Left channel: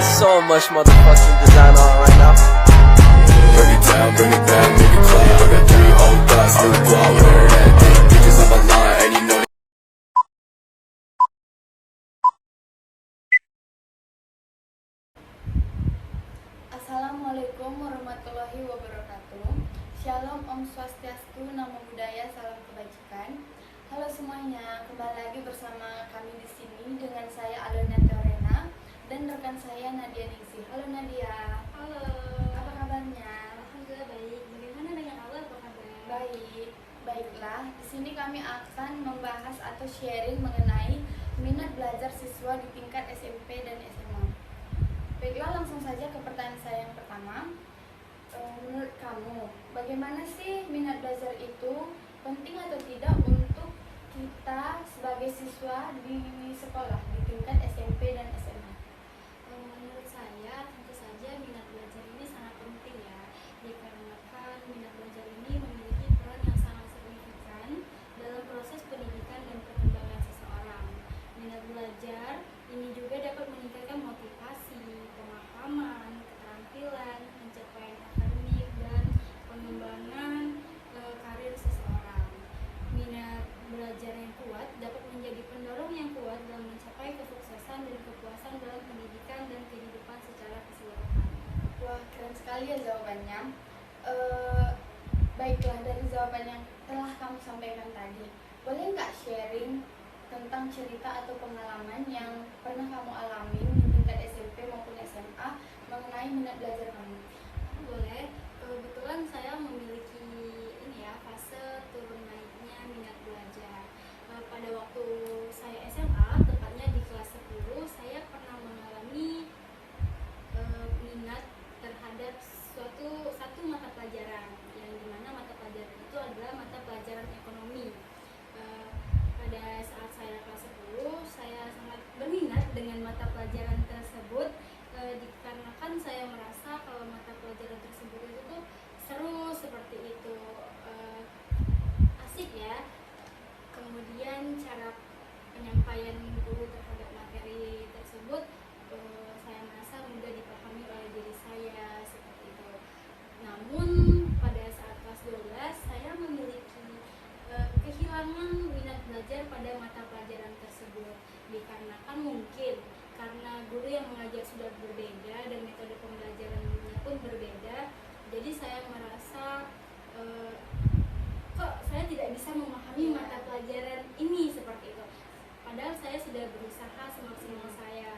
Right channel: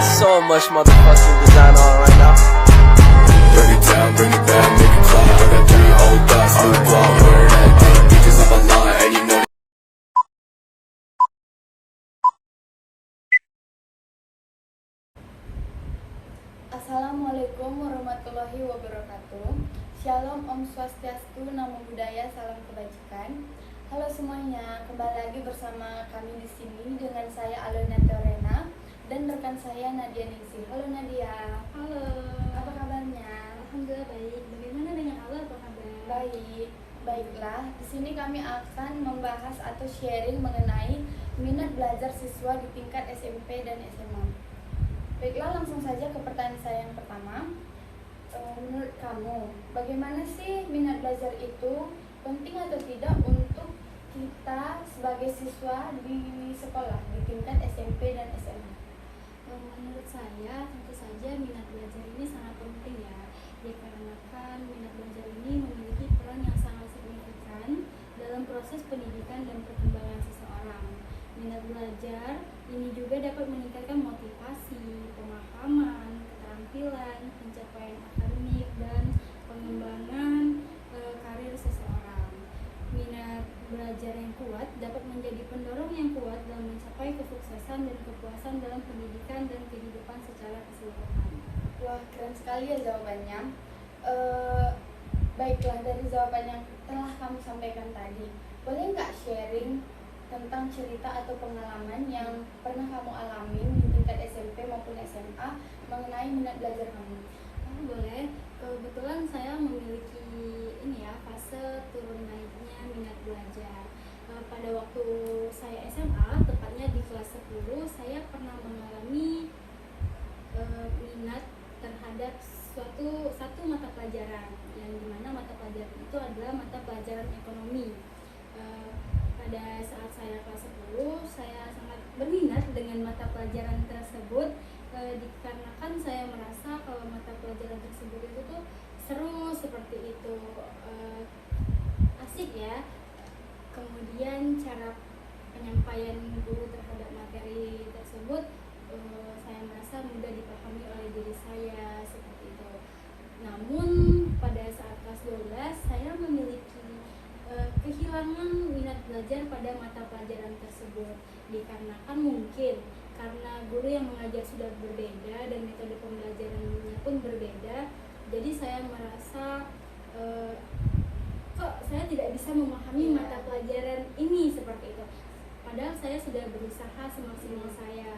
got so much motherfucking design on right now. Bring it down, bring it back, make it clap. I got 3 old thoughts, new guap, wear that thing. Bitches on my line, and you know. Assalamualaikum warahmatullahi wabarakatuh. Shalom, Om Swastiastu, Namo Buddhaya, salam kebajikan. Halo semuanya, kembali lagi bersama kami di sini dengan saya Alena Teorena dan rekan saya Nadia Ningsih. Halo Nadia. Halo. Apa kabarnya? Alhamdulillah baik. Bagaimana dengan Allah? Apa kabarnya? Baik. Baiklah, di sini kami akan membahas atau sharing mengenai minat belajar siswa di tingkat SMP dan SMA. Baiklah, langsung saja ke pertanyaan saya yang pertama. Menurut kamu, bagaimana sih minat belajar itu? Penting atau tidak untuk kita sebagai siswa di sekolah di tingkat SMP dan SMA? Menurut saya, tentu saja minat belajar ini sangat penting ya, dikarenakan minat belajar ini memiliki peran yang sangat signifikan dalam proses pendidikan dan perkembangan seseorang. Minat belajar ini juga dapat meningkatkan motivasi, pemahaman, keterampilan, pencapaian akademik, dan pengembangan karir seseorang. Minat belajar yang kuat dapat menjadi pendorong yang kuat dalam mencapai kesuksesan dan kepuasan dalam pendidikan dan kehidupan secara keseluruhan. Wah, keren sekali ya jawabannya. Baiklah, dari jawaban yang telah kamu sampaikan tadi, boleh nggak sharing tentang cerita atau pengalaman yang pernah kamu alami di tingkat SMP maupun SMA mengenai minat belajar kamu? Boleh. Kebetulan saya memiliki ini ya, fase turun naiknya minat belajar. Pada waktu saya SMA, tepatnya di kelas 10, saya pernah mengalami minat terhadap satu mata pelajaran, yang dimana mata pelajaran itu adalah mata pelajaran ekonomi. Pada saat saya kelas 10, saya sangat berminat dengan mata pelajaran tersebut, dikarenakan saya merasa kalau mata pelajaran tersebut itu tuh seru seperti itu, asik ya. Kemudian cara penyampaian guru terhadap materi tersebut saya merasa mudah dipahami oleh diri saya seperti itu. Namun pada saat kelas 12 saya memiliki kehilangan minat belajar pada mata pelajaran tersebut, dikarenakan mungkin karena guru yang mengajar sudah berbeda dan metode pembelajaran pun berbeda, jadi saya merasa kok saya tidak bisa memahami mata pelajaran ini seperti itu. Padahal saya sudah berusaha semaksimal saya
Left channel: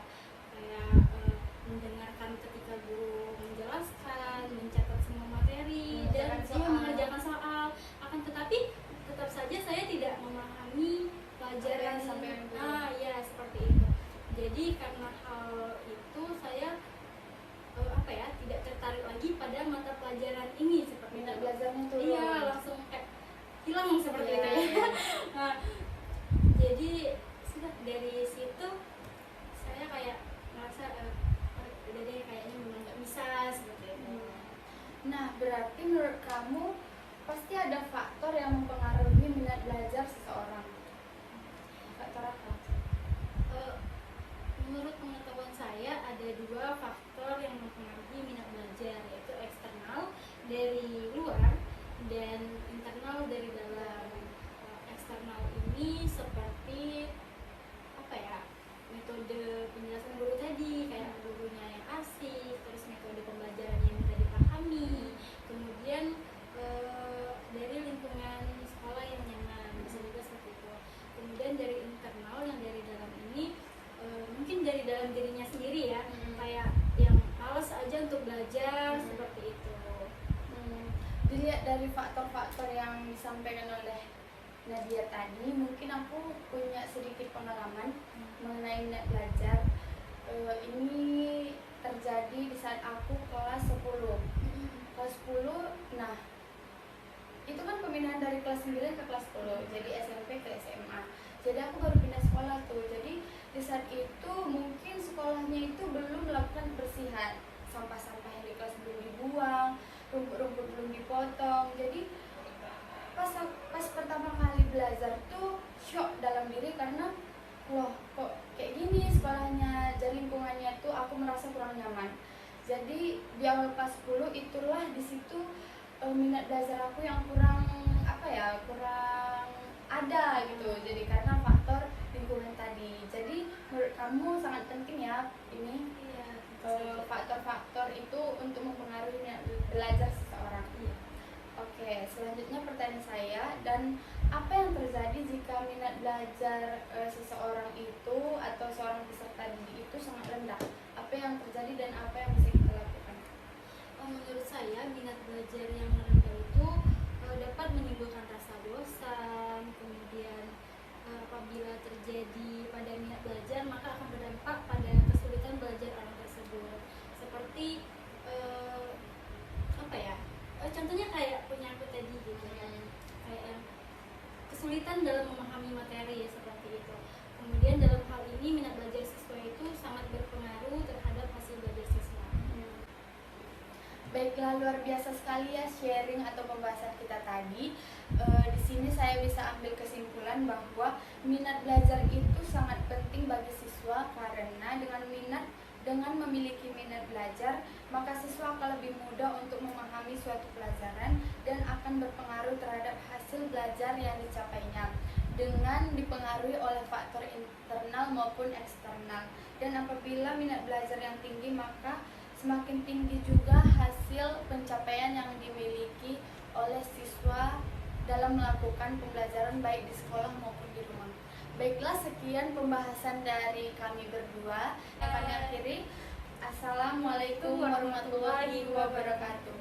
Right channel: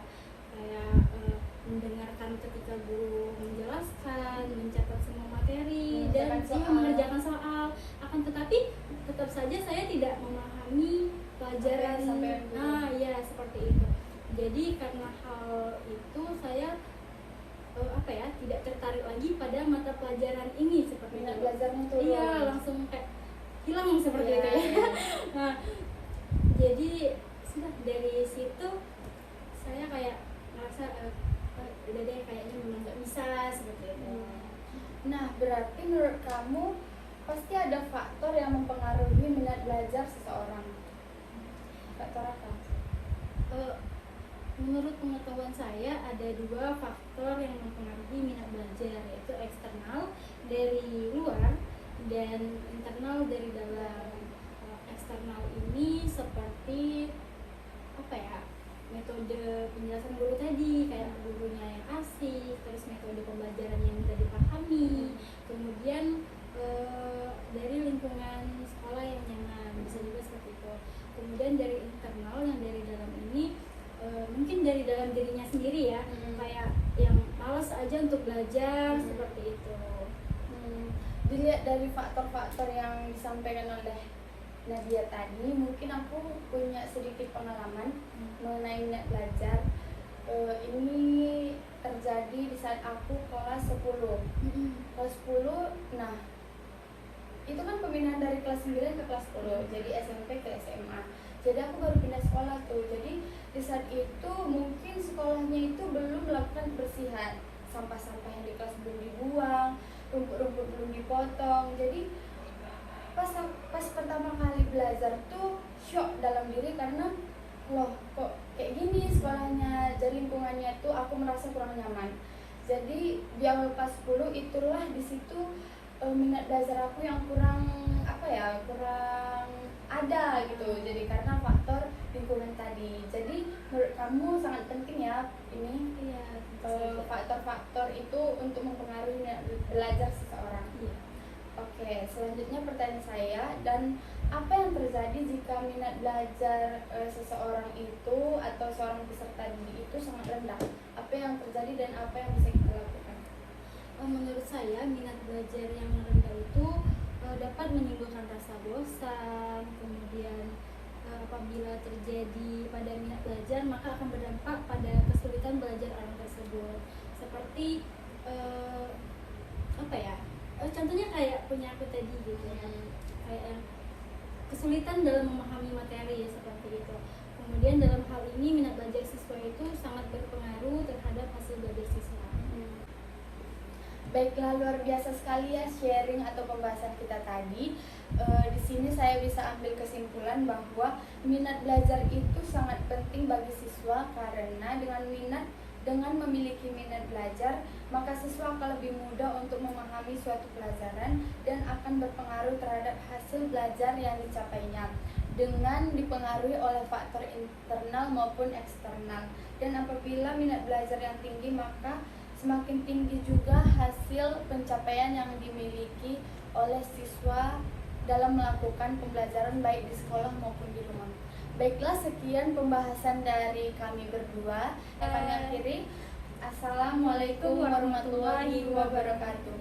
mendengarkan ketika guru menjelaskan, mencatat semua materi dan mengerjakan soal. Akan tetapi tetap saja saya tidak memahami pelajaran ya seperti itu. Jadi karena hal itu saya tidak tertarik lagi pada mata pelajaran ini seperti Minat itu. belajarnya tuh Langsung kayak hilang seperti itu ya. Nah, jadi sudah dari situ saya kayak merasa udah deh kayaknya memang nggak bisa seperti itu. Nah, berarti menurut kamu pasti ada faktor yang mempengaruhi minat belajar seseorang. Faktor apa? Menurut pengetahuan saya ada 2 faktor yang mempengaruhi minat belajar, yaitu eksternal dari luar dan internal dari dalam. Eksternal ini seperti metode penjelasan guru tadi, kayak gurunya yang asik, terus metode pembelajaran yang mudah dipahami, kemudian dari lingkungan sekolah yang nyaman, bisa juga seperti itu. Kemudian dari internal yang dari dalam ini mungkin dari dalam dirinya sendiri ya, kayak yang malas aja untuk belajar seperti itu. Dilihat dari faktor-faktor yang disampaikan oleh Nadia tadi, mungkin aku punya sedikit minat belajar aku yang kurang kurang ada gitu. Jadi karena faktor lingkungan tadi. Jadi menurut kamu sangat penting ya ini faktor-faktor itu untuk mempengaruhi minat belajar seseorang. Oke, selanjutnya pertanyaan saya, dan apa yang terjadi jika minat belajar seseorang itu atau seorang peserta didik itu sangat rendah? Apa yang terjadi dan apa yang bisa kita lakukan? Menurut saya minat belajar yang rendah itu dapat menimbulkan rasa bosan, kemudian apabila terjadi pada minat belajar maka akan berdampak pada kesulitan belajar orang tersebut. Seperti contohnya kayak punya aku tadi gitu ya, kayak kesulitan dalam memahami materi seperti itu. Kemudian dalam hal ini minat belajar siswa itu sangat berpengaruh terhadap hasil belajar siswa. Baiklah, luar biasa sekali ya sharing atau pembahasan kita tadi. Di sini saya bisa ambil kesimpulan bahwa minat belajar itu sangat penting bagi siswa, karena dengan memiliki minat belajar, maka siswa akan lebih mudah untuk memahami suatu pelajaran dan akan berpengaruh terhadap hasil belajar yang dicapainya dengan dipengaruhi oleh faktor internal maupun eksternal. Dan apabila minat belajar yang tinggi, maka semakin tinggi juga hasil pencapaian yang dimiliki oleh siswa dalam melakukan pembelajaran baik di sekolah maupun di rumah. Baiklah, sekian pembahasan dari kami berdua yang kami akhiri. Assalamualaikum warahmatullahi wabarakatuh.